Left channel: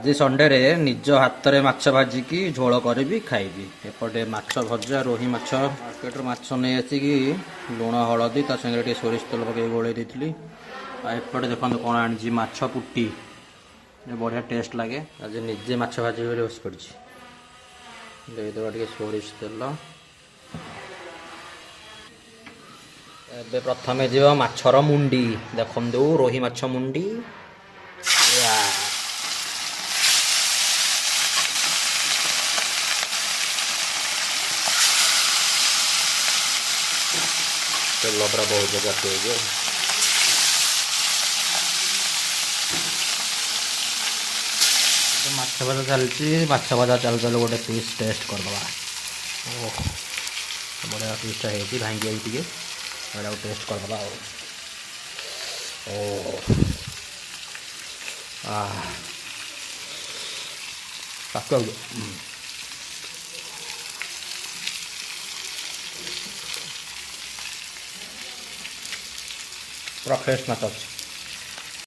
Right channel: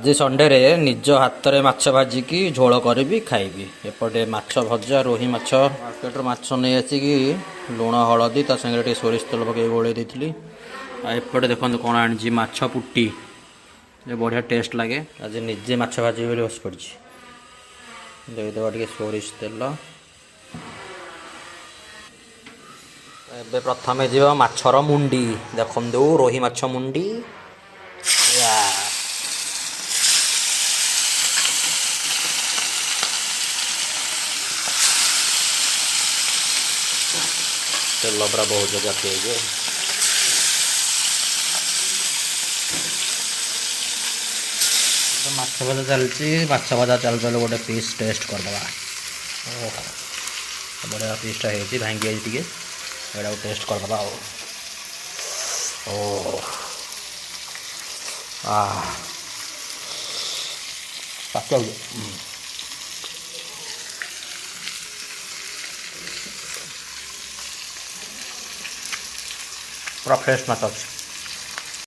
आज संडे रे निज हाथ में माछ भाजिकी झोल करी खाइबी। एपटे माछ भजा रोही माछ मार्केट माछ नहीं आसिकी लुण हलदी ता संगे सोरिष तेल पकई गोले देती। एपटे देखो कौन आनी माछ पुटी बढ़िया टेस्ट लगे। आज निजे माछ भाजी बस पड़ी देदेवा टे सोरिष तेल। एबे प्रथमे जीव माछर मुंडी देखु रोही माछ मुंडी तेल पूरा बहुत जगह पिए माछ भजा चलती माछ भजा चल चल गोटे पीस टेस्ट करदे। ओह बढ़िया पीसटा है भांगी आई टे टेस्ट करदे। ओ पूरा फ्रेश माछ अच्छे।